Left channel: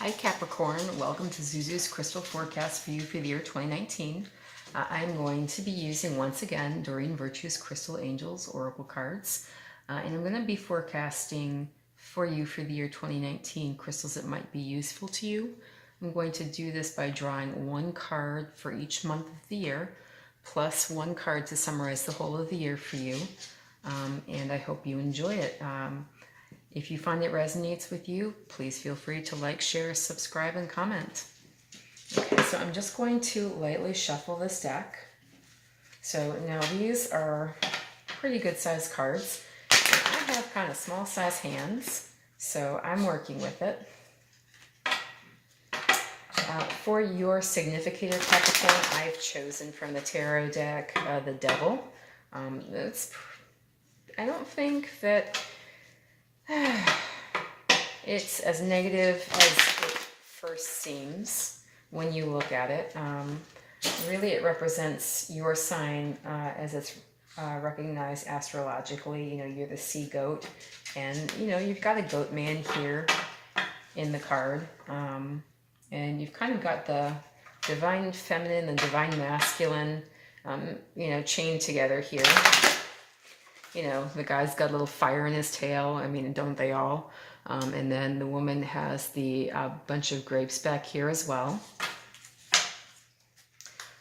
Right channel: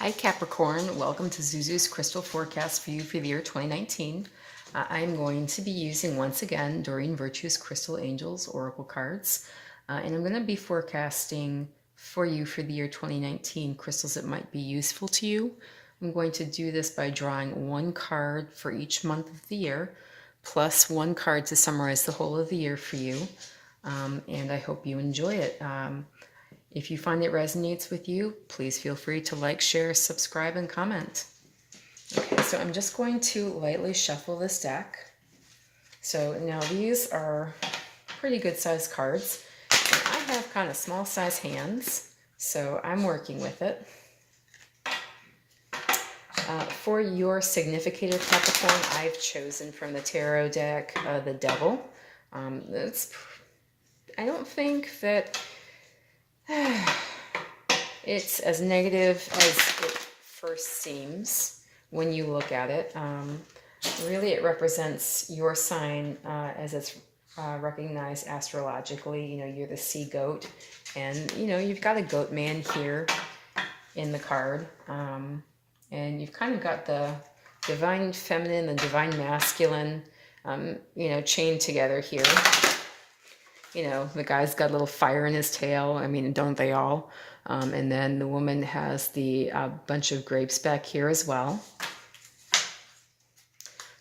Hi Capricorn, welcome to Zuzu's Crystal Forecast for you for the year 2019. I'm going to be using once again Doreen Virtue's Crystal Angels Oracle cards, and I'm going to be forecasting for you for the year 2019 crystals that might be useful to you. I'm going to do this by drawing one card for each month of the year, plus one card to summarize the whole of the year for you, and I hope you enjoy it. If you find it resonates with you, please feel free to like, share, subscribe, and comment. Okay, so I'm just going to lightly shuffle this deck. So now these are pretty good sized cards. I have kind of small size hands, so I'm working with it. For your significator Capricorn, I've chosen from the tarot deck the Devil. I don't think that it's as negative as it first seems when you look at it. Really, it represents your sign as it's recognized astrologically. You know, you're the sea goat, and you know, you've got a goat man here in the card, and you've kind of got the divine feminine and divine masculine, you know, chained together here. You know, the guy's got a little fire in his tail. I mean, don't they all? And then the woman has the bunch of grapes back here as well.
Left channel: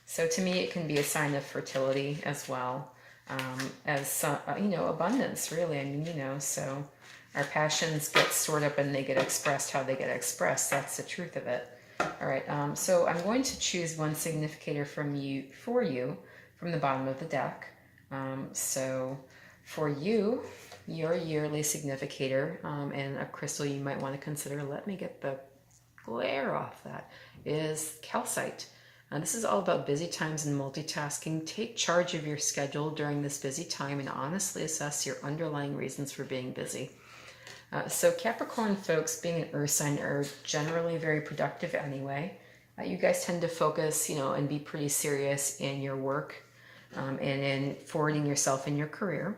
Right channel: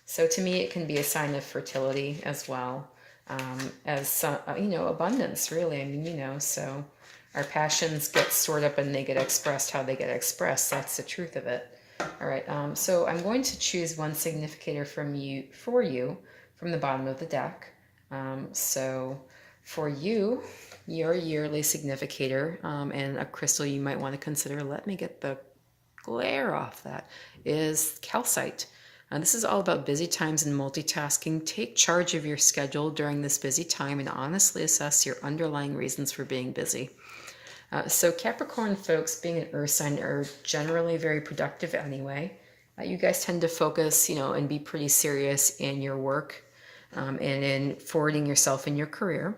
So to me, it can be a sign of fertility as well, as, you know, abundance, really. I mean, you know, so our passions get stored up and they get expressed how they get expressed. That's the truth of it. All right, so I'm going to choose one significator for you from the bottom of the deck. So for you, your yearly significator and a crystal you might want to consider, let me get the glare off that, is calcite. This is all about busy times and multitasking. Take charge of your schedule during this busy time and honestly assess your underlying reasons for being busy. So Capricorn folks, being an earth sign, are generally very productive anyway. You guys tend to focus, you know, and be pretty serious in your work and in forwarding yourself in your career.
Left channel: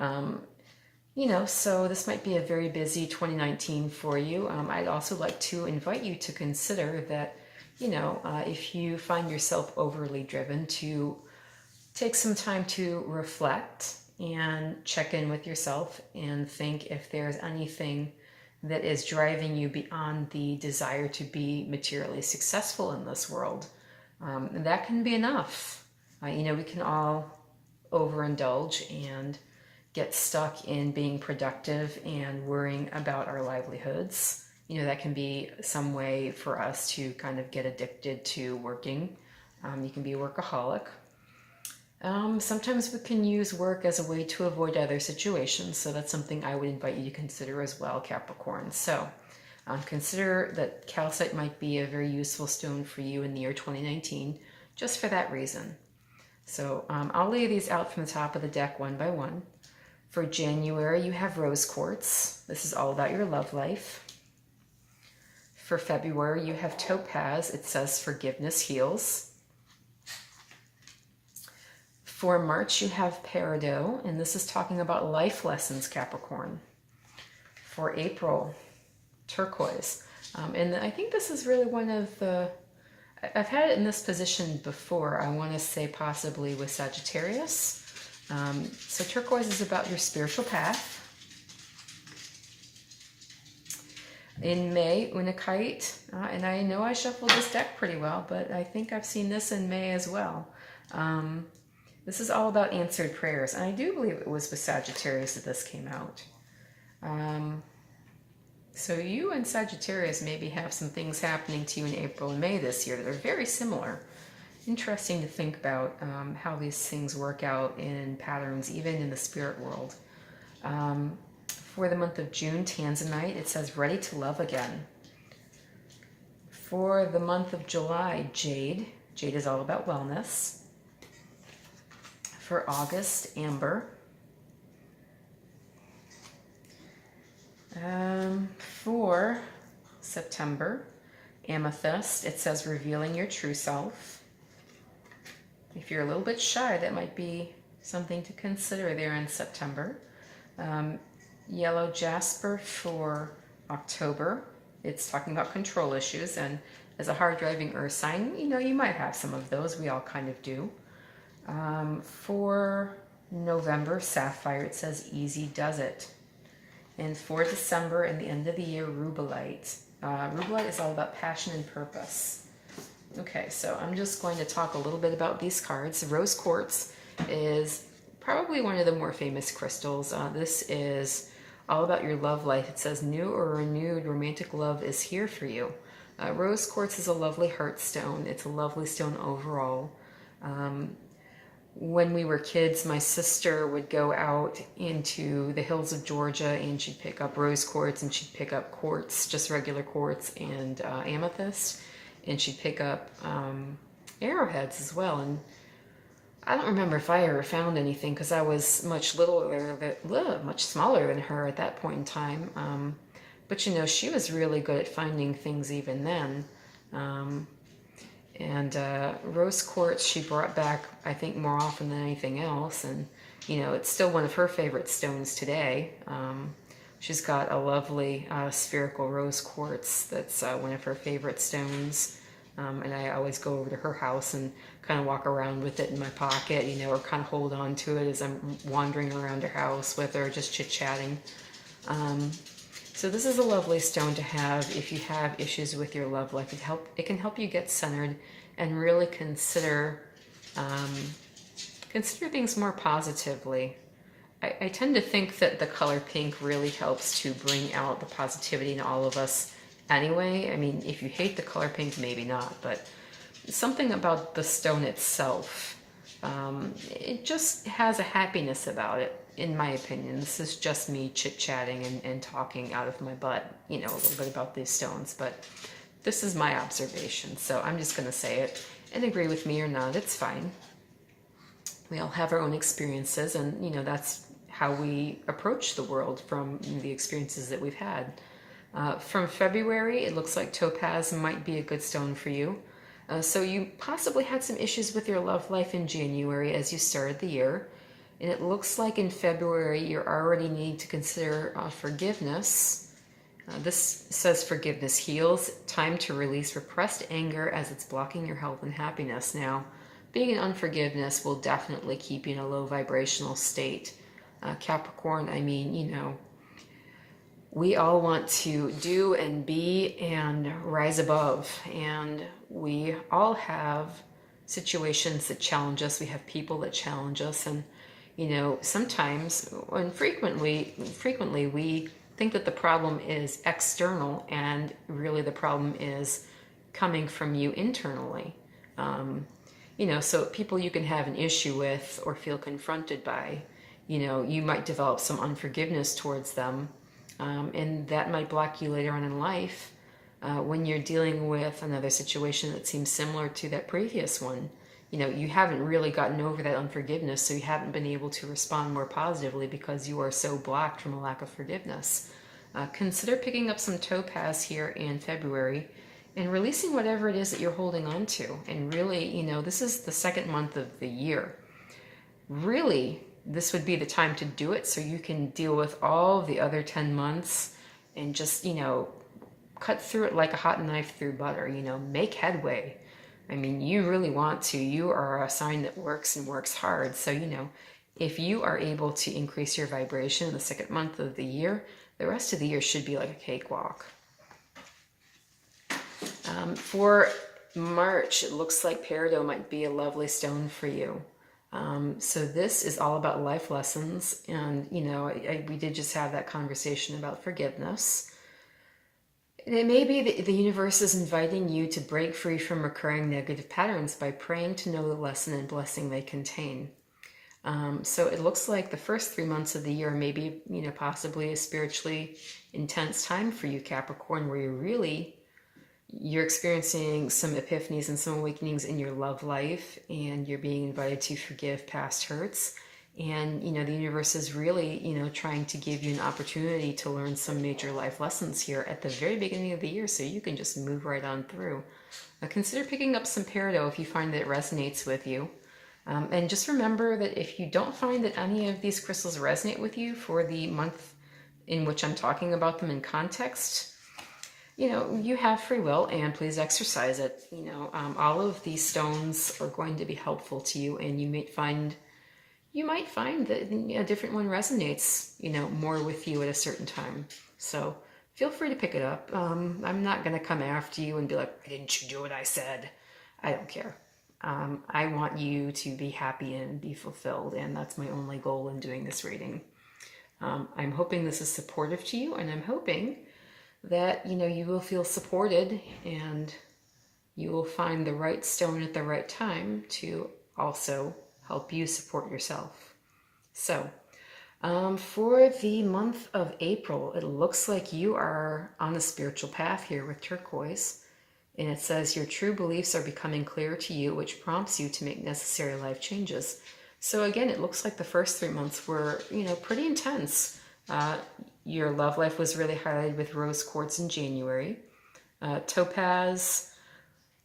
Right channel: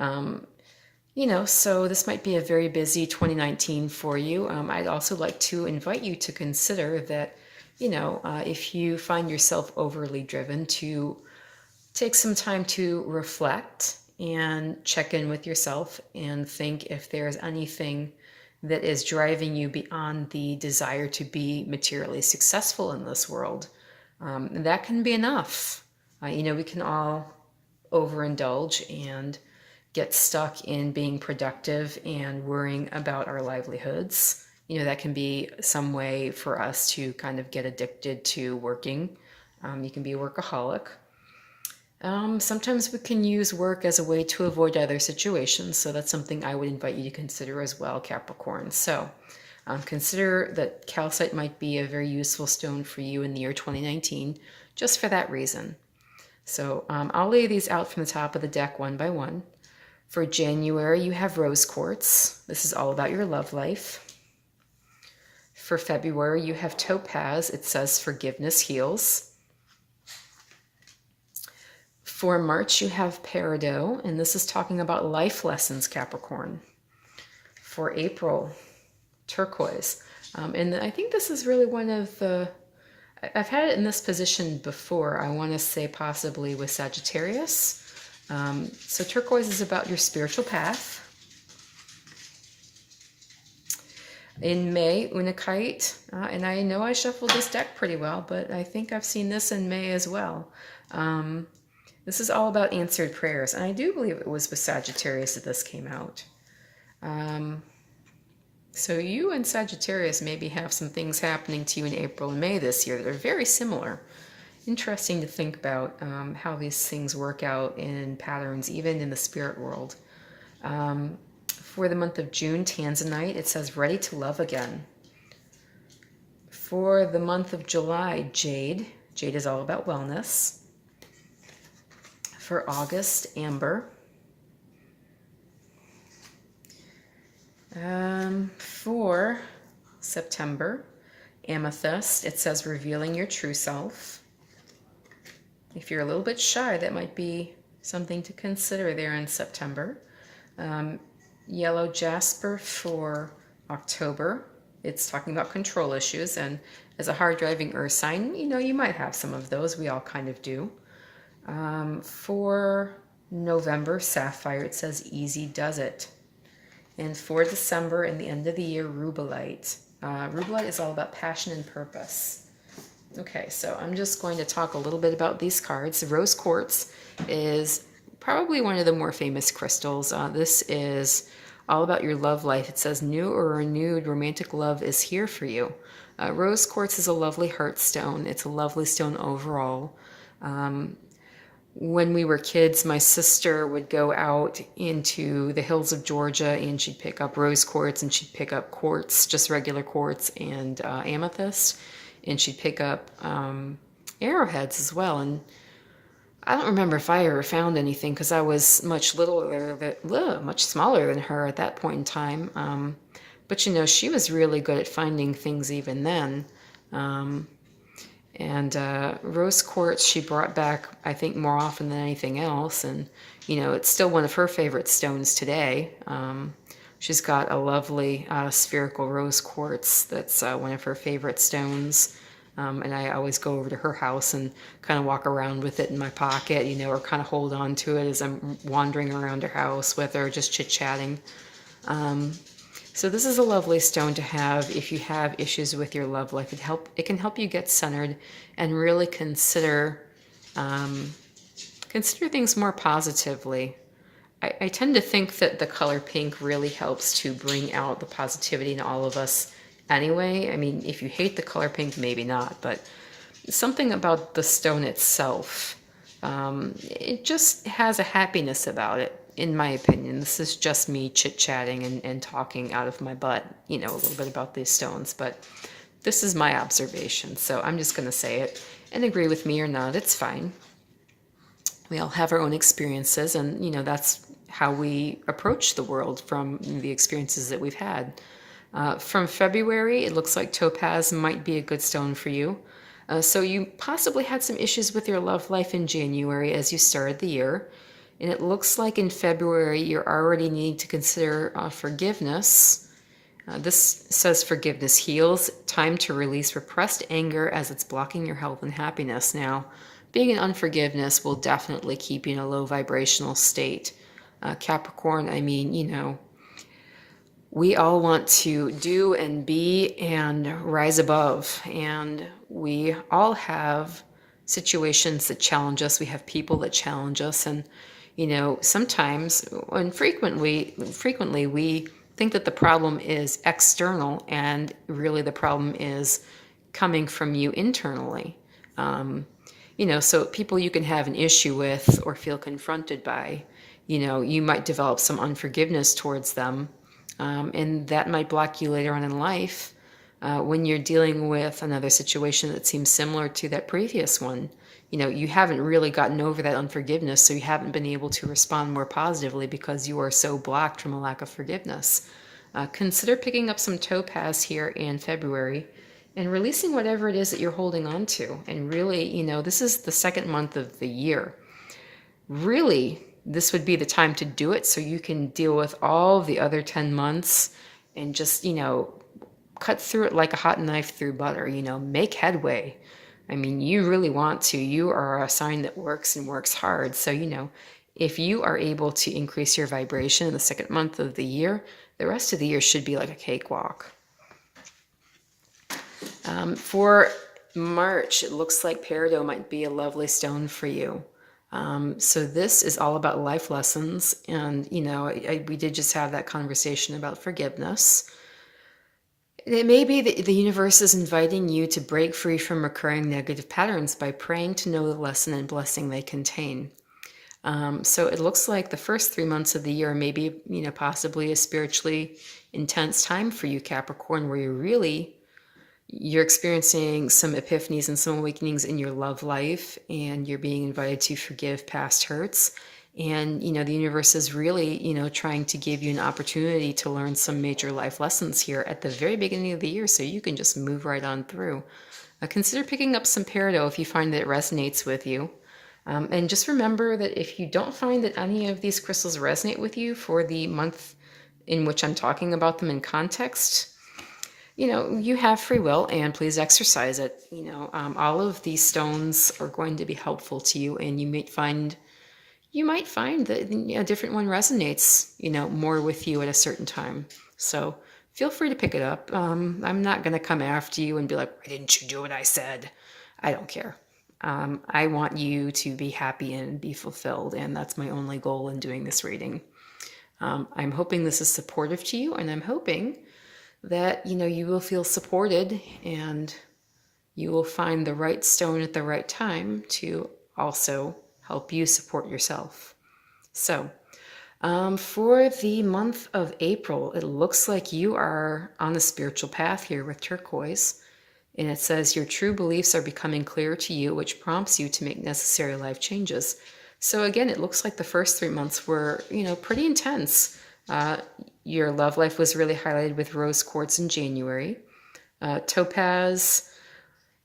You know, so this might be a very busy 2019 for you. I'd also like to invite you to consider that, you know, if you find yourself overly driven, to take some time to reflect and check in with yourself and think if there's anything that is driving you beyond the desire to be materially successful in this world. That can be enough. You know, we can all overindulge and get stuck in being productive and worrying about our livelihoods. You know, that can be some way for us to kind of get addicted to working. You can be a workaholic. Sometimes we can use work as a way to avoid other situations, so that's something I would invite you to consider as well, Capricorn. So consider that calcite might be a very useful stone for you in the year 2019, just for that reason. So I'll lay these out from the top of the deck one by one. For January, you have rose quartz. This is all about your love life. For February, you have topaz. It says forgiveness heals. For March, you have peridot, and this is talking about life lessons, Capricorn. For April, turquoise. And I think this is really one of the, I've had it in this position before. I want to say possibly with Sagittarius. So turquoise is about your spiritual path. In May, unakite, and I know I shuffled this deck pretty well, but I think I've seen this in May as well. This is all about answered prayers, and I do believe it was with Sagittarius that this came out. So you and Sagittarius maybe have some things happening to you in April and May this year that are very similar. Interesting to think about how these things work out in patterns, even in the spirit world. For the month of June, tanzanite, it says ready to love again. For the month of July, jade. Jade is all about wellness. For August, amber. For September, amethyst, it says revealing your true self. If you're a little bit shy, that might be something to consider there in September. Yellow jasper for October. It's talking about control issues, and as a hard driving earth sign, you might have some of those. We all kind of do. For November, sapphire, it says easy does it. And for December and the end of the year, rubellite. Rubellite is all about passion and purpose. Okay, so I'm just going to talk a little bit about these cards. Rose quartz is probably one of the more famous crystals. This is all about your love life. It says new or renewed romantic love is here for you. Rose quartz is a lovely heart stone. It's a lovely stone overall. When we were kids, my sister would go out into the hills of Georgia and she'd pick up rose quartz and she'd pick up quartz, just regular quartz, and amethyst, and she'd pick up arrowheads as well. And I don't remember if I ever found anything because I was much much smaller than her at that point in time. But she was really good at finding things even then. And rose quartz she brought back, I think, more often than anything else. And, it's still one of her favorite stones today. She's got a lovely spherical rose quartz that's one of her favorite stones. And I always go over to her house and kind of walk around with it in my pocket, or kind of hold on to it as I'm wandering around her house with her, just chit-chatting. So this is a lovely stone to have if you have issues with your love life. It can help you get centered and really consider things more positively. I tend to think that the color pink really helps to bring out the positivity in all of us anyway. I mean, if you hate the color pink, maybe not, but something about the stone itself, it just has a happiness about it. In my opinion, this is just me chit-chatting and talking out of my butt, a little bit about these stones, but this is my observation, so I'm just going to say it, and agree with me or not, it's fine. We all have our own experiences, and, that's how we approach the world from the experiences that we've had. From February, it looks like topaz might be a good stone for you. So you possibly had some issues with your love life in January as you started the year. And it looks like in February, you're already needing to consider forgiveness. This says forgiveness heals. Time to release repressed anger as it's blocking your health and happiness. Now, being in unforgiveness will definitely keep you in a low vibrational state. Capricorn, we all want to do and be and rise above. And we all have situations that challenge us. We have people that challenge us. And sometimes and frequently we think that the problem is external, and really the problem is coming from you internally. So people you can have an issue with or feel confronted by, you might develop some unforgiveness towards them, and that might block you later on in life when you're dealing with another situation that seems similar to that previous one. You haven't really gotten over that unforgiveness, so you haven't been able to respond more positively because you are so blocked from a lack of forgiveness. Consider picking up some topaz here in February and releasing whatever it is that you're holding on to. And really, this is the second month of the year. Really, this would be the time to do it so you can deal with all the other 10 months and just, cut through it like a hot knife through butter, make headway. I mean, you really want to. You are a sign that works and works hard. So, if you are able to increase your vibration in the second month of the year, the rest of the year should be like a cakewalk. For March, it looks like peridot might be a lovely stone for you. So this is all about life lessons. And, we did just have that conversation about forgiveness. It may be that the universe is inviting you to break free from recurring negative patterns by praying to know the lesson and blessing they contain. So it looks like the first 3 months of the year may be, possibly a spiritually intense time for you, Capricorn, where you're experiencing some epiphanies and some awakenings in your love life, and you're being invited to forgive past hurts. And, the universe is really, trying to give you an opportunity to learn some major life lessons here at the very beginning of the year, so you can just move right on through. Consider picking up some peridot if you find that it resonates with you. And just remember that if you don't find that any of these crystals resonate with you for the month in which I'm talking about them in context, you have free will, and please exercise it. All of these stones are going to be helpful to you, and you might find that a different one resonates, more with you at a certain time. So feel free to pick it up. I'm not going to come after you and be like, why didn't you do what I said? I don't care. I want you to be happy and be fulfilled, and that's my only goal in doing this reading. I'm hoping this is supportive to you, and I'm hoping that, you will feel supported and you will find the right stone at the right time to also help you support yourself. So, for the month of April, it looks like you are on the spiritual path here with turquoise. And it says your true beliefs are becoming clear to you, which prompts you to make necessary life changes. So again, it looks like the first 3 months were, pretty intense. Your love life was really highlighted with rose quartz in January. Topaz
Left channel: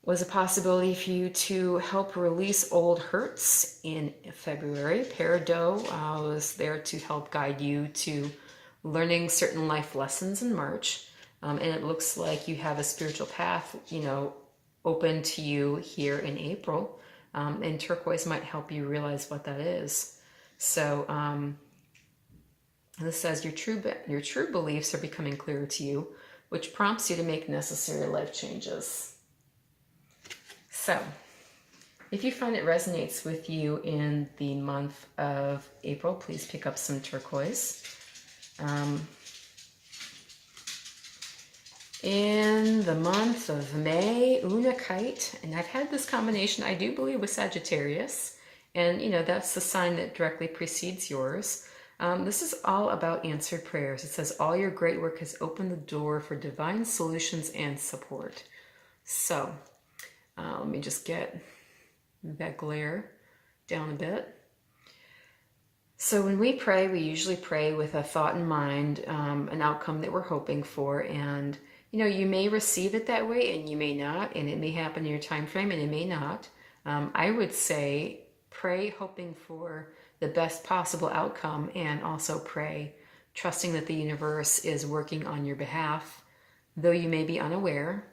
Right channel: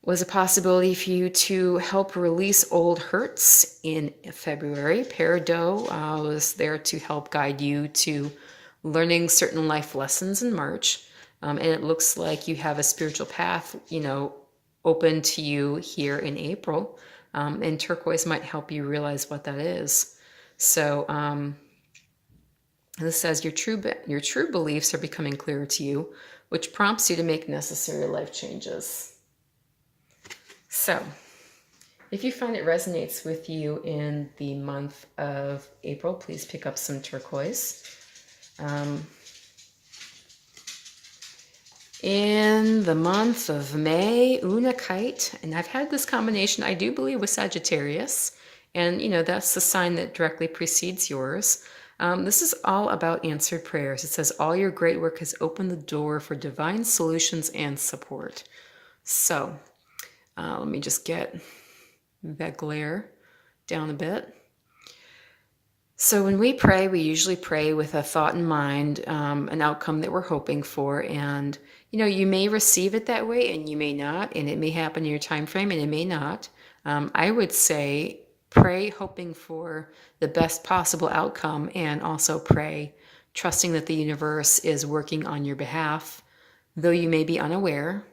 was a possibility for you to help release old hurts in February. Peridot was there to help guide you to learning certain life lessons in March. And it looks like you have a spiritual path, open to you here in April. And turquoise might help you realize what that is. So this says your true beliefs are becoming clearer to you, which prompts you to make necessary life changes. So if you find it resonates with you in the month of April, please pick up some turquoise. In the month of May, Unakite, and I've had this combination, I do believe, with Sagittarius, and that's the sign that directly precedes yours. This is all about answered prayers. It says all your great work has opened the door for divine solutions and support. So let me just get that glare down a bit. So when we pray, we usually pray with a thought in mind, an outcome that we're hoping for, and you may receive it that way and you may not, and it may happen in your time frame and it may not. I would say pray hoping for the best possible outcome, and also pray trusting that the universe is working on your behalf, though you may be unaware.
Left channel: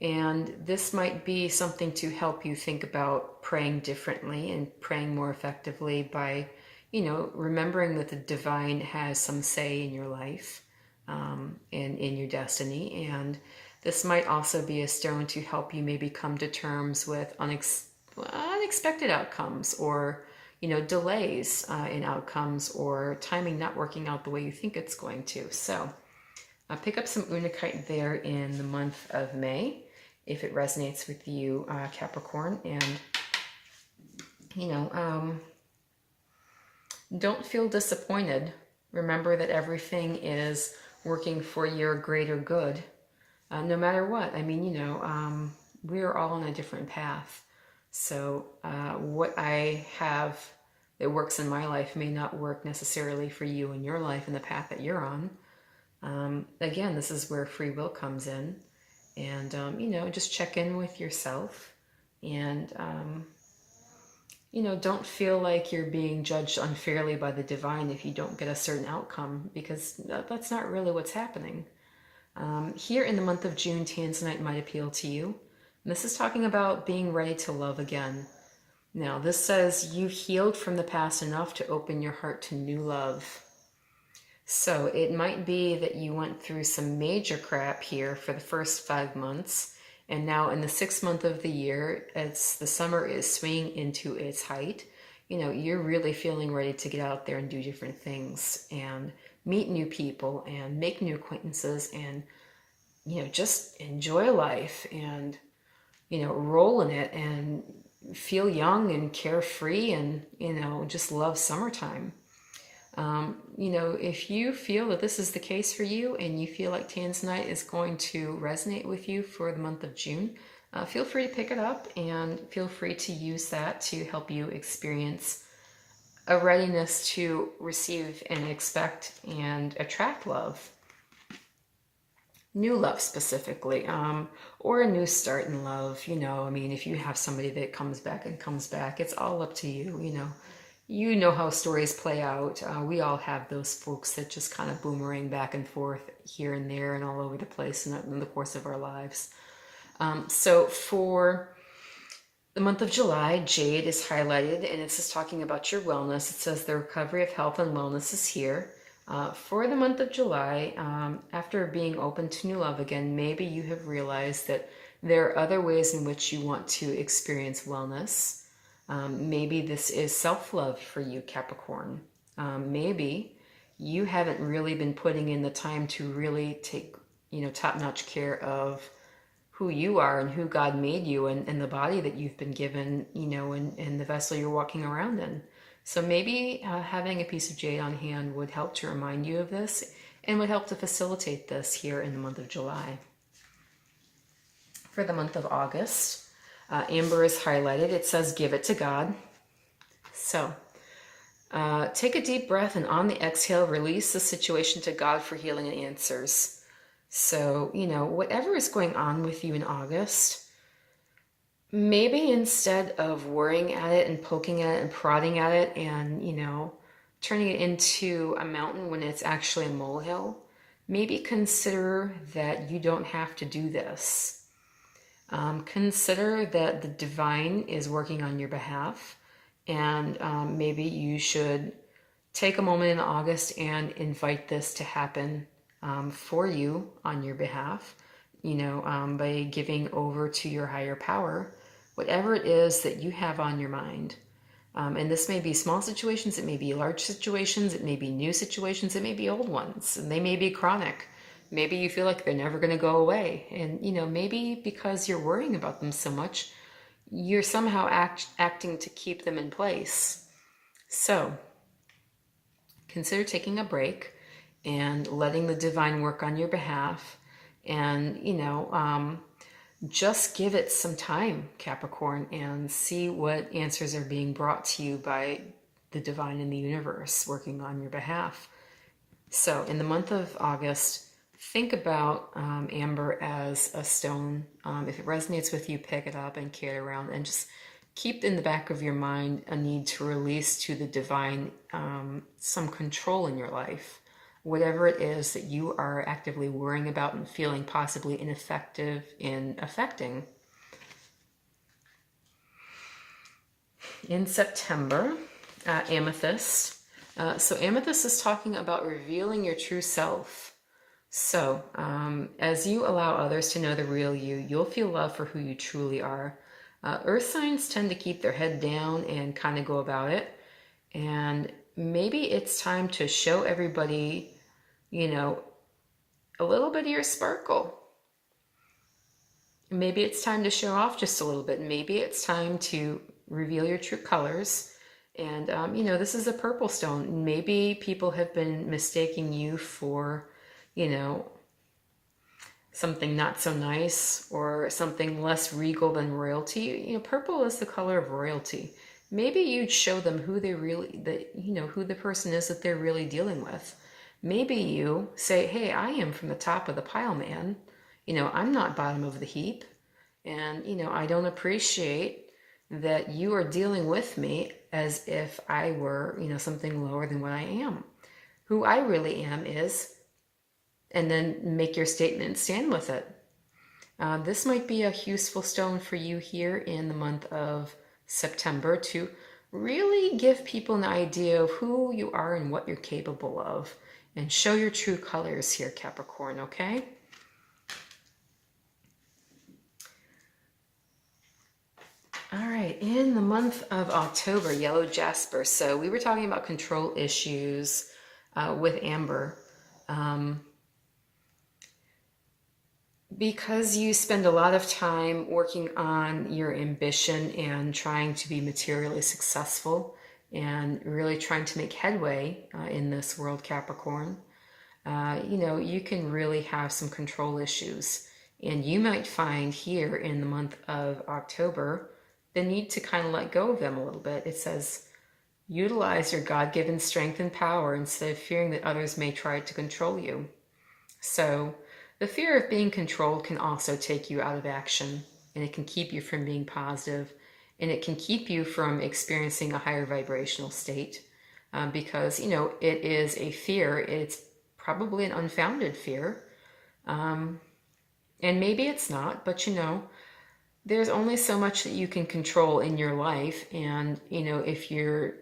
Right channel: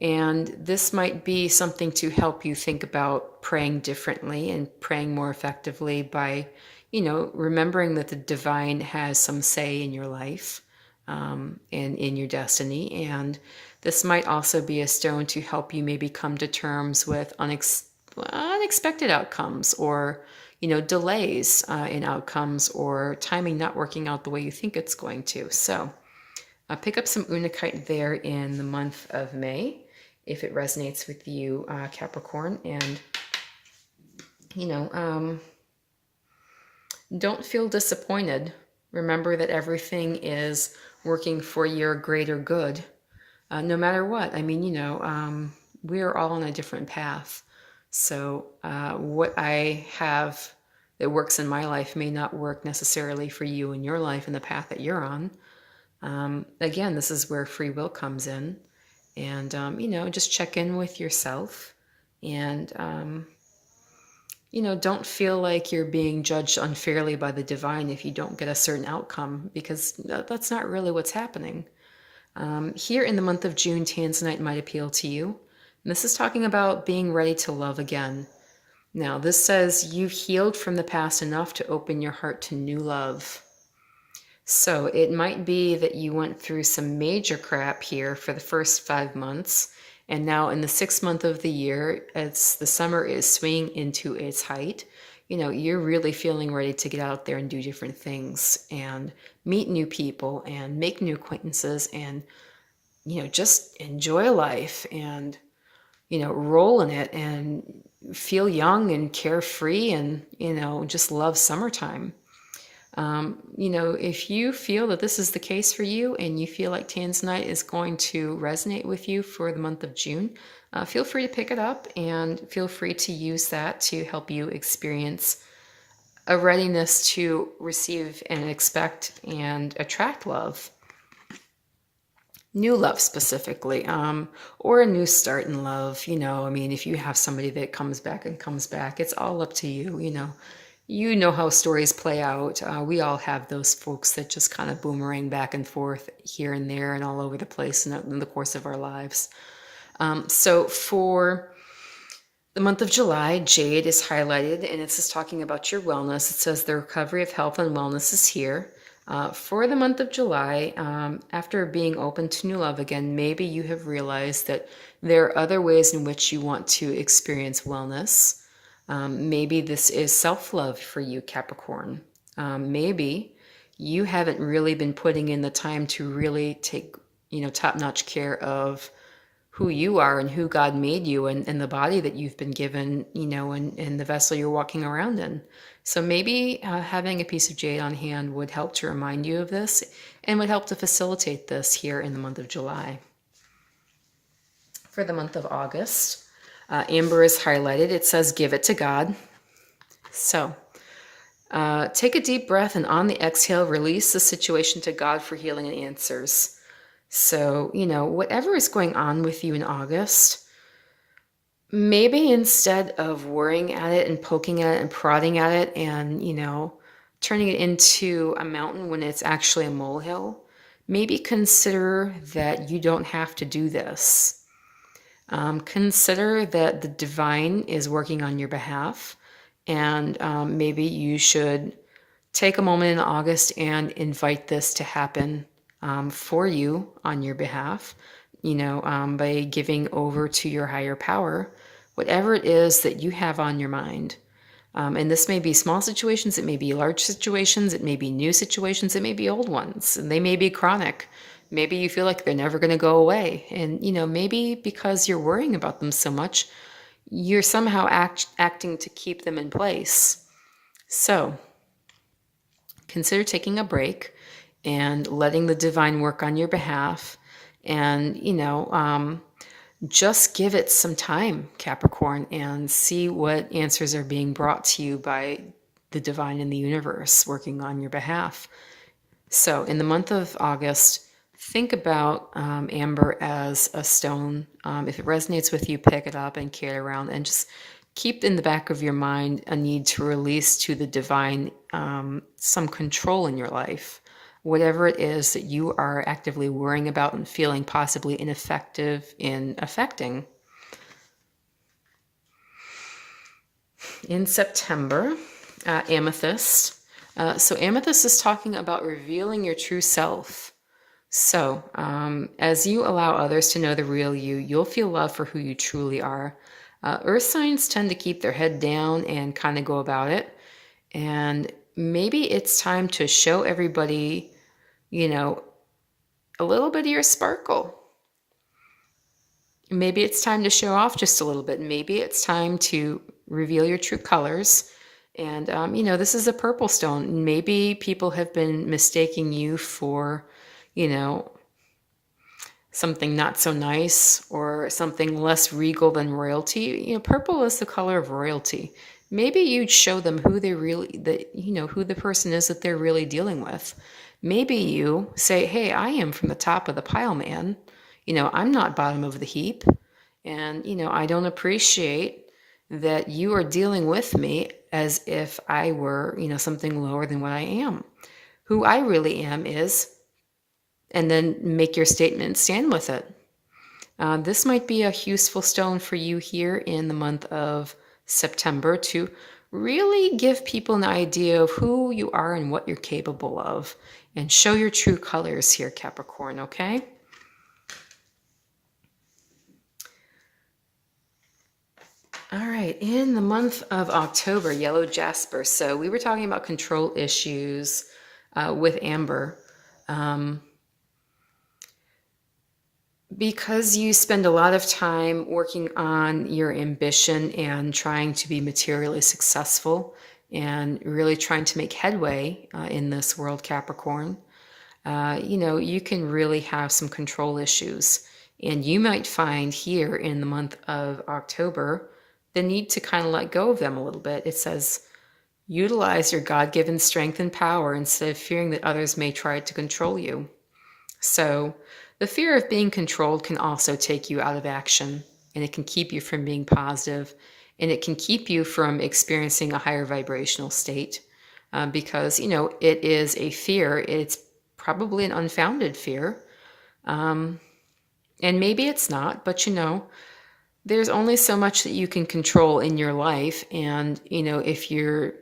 And this might be something to help you think about praying differently and praying more effectively by, remembering that the divine has some say in your life, and in your destiny. And this might also be a stone to help you maybe come to terms with unexpected outcomes, or, delays in outcomes, or timing not working out the way you think it's going to. So pick up some Unakite there in the month of May, if it resonates with you, Capricorn. And, don't feel disappointed. Remember that everything is working for your greater good, no matter what. I mean, we're all on a different path. So what I have that works in my life may not work necessarily for you in your life and the path that you're on. Again, this is where free will comes in. And, just check in with yourself, and, don't feel like you're being judged unfairly by the divine if you don't get a certain outcome, because that's not really what's happening. Here in the month of June, Tanzanite might appeal to you. And this is talking about being ready to love again. Now, this says you've healed from the past enough to open your heart to new love. So it might be that you went through some major crap here for the first 5 months. And now in the 6th month of the year, the summer is swinging into its height. You're really feeling ready to get out there and do different things and meet new people and make new acquaintances and, just enjoy life and, roll in it and feel young and carefree and, just love summertime. If you feel that this is the case for you and you feel like Tanzanite is going to resonate with you for the month of June, feel free to pick it up and feel free to use that to help you experience a readiness to receive and expect and attract love. New love specifically, or a new start in love. If you have somebody that comes back, it's all up to you. you know how stories play out. We all have those folks that just kind of boomerang back and forth here and there and all over the place in the course of our lives. So for the month of July, Jade is highlighted, and it's just talking about your wellness. It says the recovery of health and wellness is here. For the month of July, after being open to new love again, maybe you have realized that there are other ways in which you want to experience wellness. Maybe this is self-love for you, Capricorn. Maybe you haven't really been putting in the time to really take, top-notch care of who you are and who God made you and the body that you've been given, and the vessel you're walking around in. So maybe having a piece of jade on hand would help to remind you of this and would help to facilitate this here in the month of July. For the month of August, amber is highlighted. It says, give it to God. So take a deep breath and on the exhale, release the situation to God for healing and answers. So, whatever is going on with you in August, maybe instead of worrying at it and poking at it and prodding at it and, turning it into a mountain when it's actually a molehill, maybe consider that you don't have to do this. Consider that the divine is working on your behalf, and maybe you should take a moment in August and invite this to happen for you on your behalf, by giving over to your higher power, whatever it is that you have on your mind. And this may be small situations, it may be large situations, it may be new situations, it may be old ones, and they may be chronic. Maybe you feel like they're never going to go away. And, maybe because you're worrying about them so much, you're somehow acting to keep them in place. So consider taking a break and letting the divine work on your behalf. And, just give it some time, Capricorn, and see what answers are being brought to you by the divine in the universe working on your behalf. So in the month of August, think about amber as a stone. If it resonates with you, pick it up and carry it around, and just keep in the back of your mind a need to release to the divine some control in your life. Whatever it is that you are actively worrying about and feeling possibly ineffective in affecting. In September, amethyst. So amethyst is talking about revealing your true self. So as you allow others to know the real you, you'll feel love for who you truly are. Earth signs tend to keep their head down and kind of go about it. And maybe it's time to show everybody, a little bit of your sparkle. Maybe it's time to show off just a little bit. Maybe it's time to reveal your true colors. And, this is a purple stone. Maybe people have been mistaking you for, something not so nice or something less regal than royalty. Purple is the color of royalty. Maybe you'd show them who who the person is that they're really dealing with. Maybe you say, hey, I am from the top of the pile, man. I'm not bottom of the heap. And, I don't appreciate that you are dealing with me as if I were, something lower than what I am. Who I really am is, and then make your statement, stand with it. This might be a useful stone for you here in the month of September to really give people an idea of who you are and what you're capable of, and show your true colors here, Capricorn, okay? All right, in the month of October, yellow jasper. So we were talking about control issues with amber. Because you spend a lot of time working on your ambition and trying to be materially successful and really trying to make headway in this world, Capricorn, you can really have some control issues. And you might find here in the month of October the need to kind of let go of them a little bit. It says, utilize your God-given strength and power instead of fearing that others may try to control you. So the fear of being controlled can also take you out of action, and it can keep you from being positive and it can keep you from experiencing a higher vibrational state because, you know, it is a fear. It's probably an unfounded fear. And maybe it's not, but you know, there's only so much that you can control in your life. And, you know, if you're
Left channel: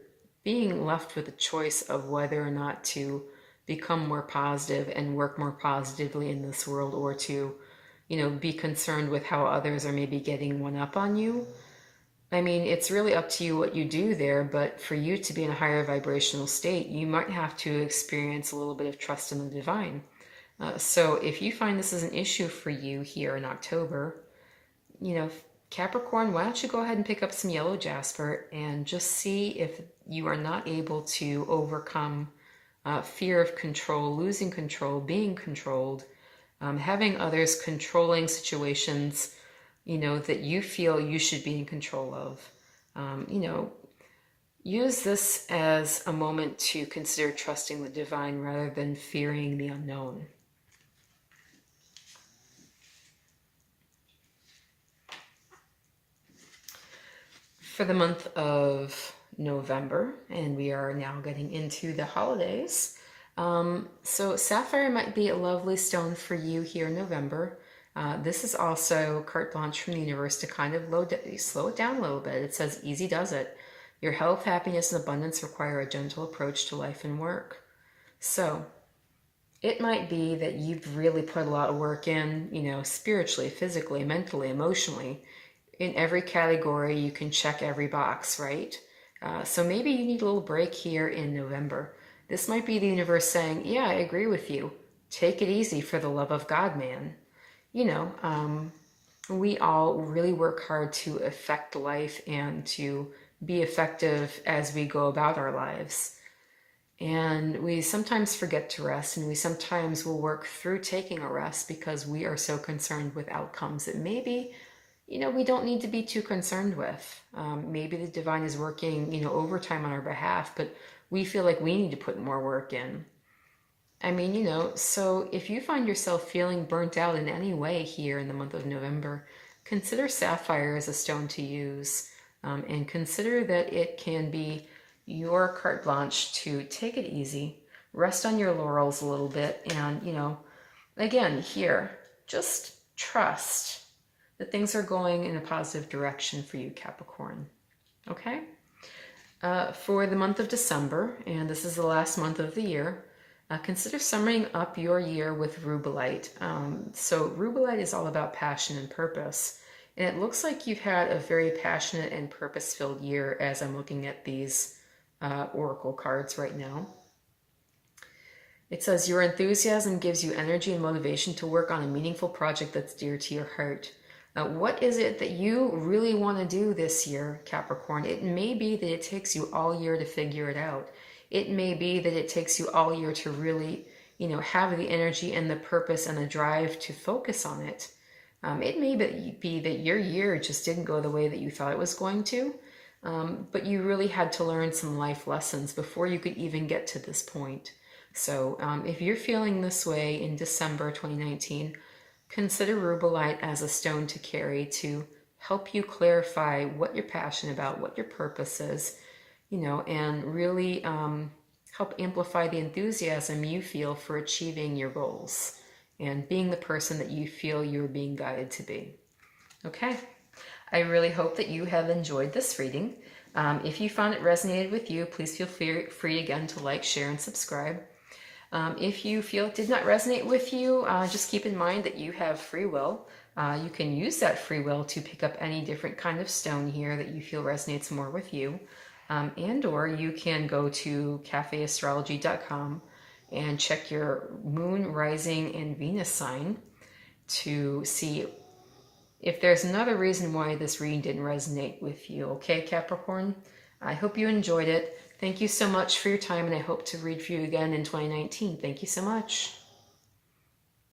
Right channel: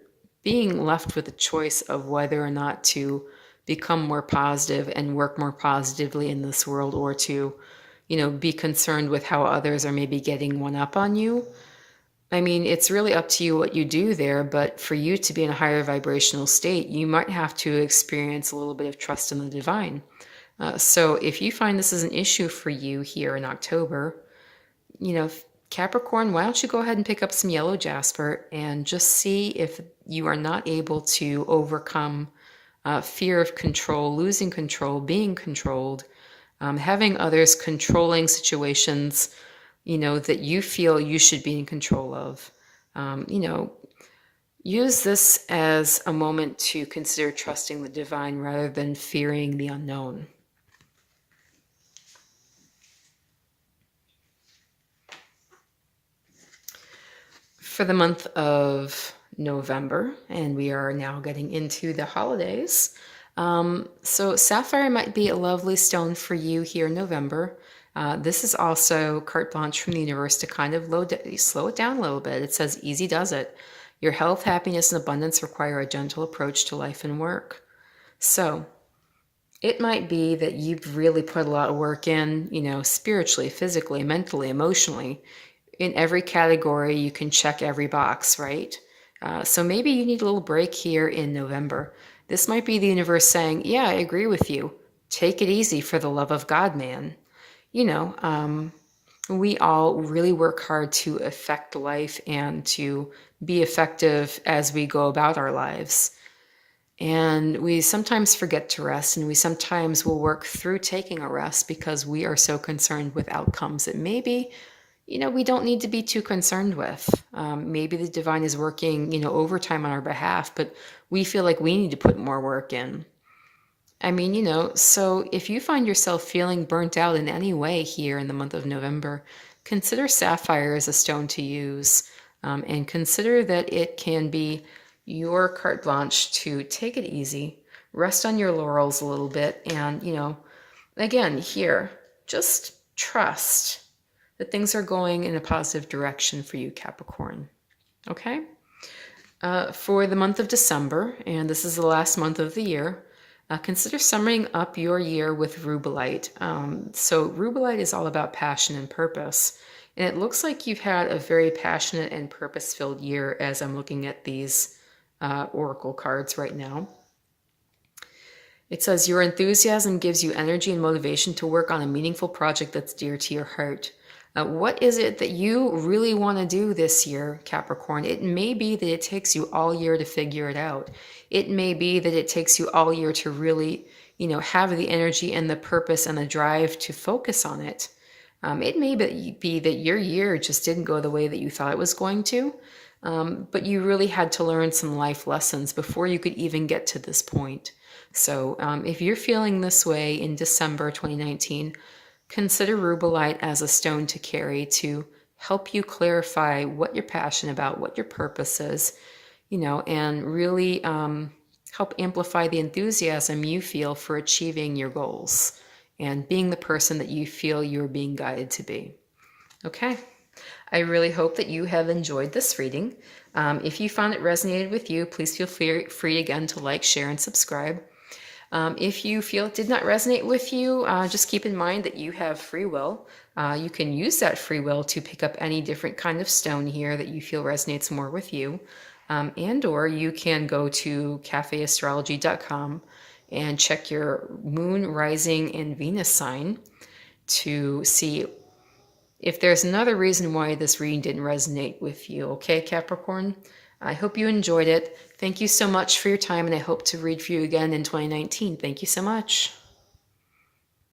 being left with a choice of whether or not to become more positive and work more positively in this world, or to, you know, be concerned with how others are maybe getting one up on you. I mean, it's really up to you what you do there, but for you to be in a higher vibrational state, you might have to experience a little bit of trust in the divine. So if you find this is an issue for you here in October, you know, Capricorn, why don't you go ahead and pick up some yellow jasper and just see if you are not able to overcome fear of control, losing control, being controlled, having others controlling situations, you know, that you feel you should be in control of. You know, use this as a moment to consider trusting the divine rather than fearing the unknown. For the month of November, and we are now getting into the holidays. So sapphire might be a lovely stone for you here in November. This is also carte blanche from the universe to kind of slow it down a little bit. It says, easy does it. Your health, happiness, and abundance require a gentle approach to life and work. So it might be that you've really put a lot of work in, you know, spiritually, physically, mentally, emotionally. In every category, you can check every box, right? So maybe you need a little break here in November. This might be the universe saying, yeah, I agree with you. Take it easy for the love of God, man. You know, we all really work hard to affect life and to be effective as we go about our lives. And we sometimes forget to rest, and we sometimes will work through taking a rest because we are so concerned with outcomes that maybe, you know, we don't need to be too concerned with. Maybe the divine is working, you know, overtime on our behalf, but we feel like we need to put more work in. I mean, you know, so if you find yourself feeling burnt out in any way here in the month of November, consider sapphire as a stone to use, and consider that it can be your carte blanche to take it easy, rest on your laurels a little bit, and, you know, again, here, just trust that things are going in a positive direction for you, Capricorn. Okay? For the month of December, and this is the last month of the year, consider summing up your year with rubellite. So rubellite is all about passion and purpose. And it looks like you've had a very passionate and purpose-filled year as I'm looking at these oracle cards right now. It says, your enthusiasm gives you energy and motivation to work on a meaningful project that's dear to your heart. What is it that you really want to do this year, Capricorn? It may be that it takes you all year to figure it out. It may be that it takes you all year to really, you know, have the energy and the purpose and the drive to focus on it. It may be that your year just didn't go the way that you thought it was going to, but you really had to learn some life lessons before you could even get to this point. So if you're feeling this way in December 2019, consider rubellite as a stone to carry to help you clarify what you're passionate about, what your purpose is, you know, and really help amplify the enthusiasm you feel for achieving your goals and being the person that you feel you're being guided to be. Okay, I really hope that you have enjoyed this reading. If you found it resonated with you, please feel free again to like, share, and subscribe. If you feel it did not resonate with you, just keep in mind that you have free will. You can use that free will to pick up any different kind of stone here that you feel resonates more with you. And or you can go to cafeastrology.com and check your moon, rising, and Venus sign to see if there's another reason why this reading didn't resonate with you. Okay, Capricorn? I hope you enjoyed it. Thank you so much for your time, and I hope to read for you again in 2019. Thank you so much.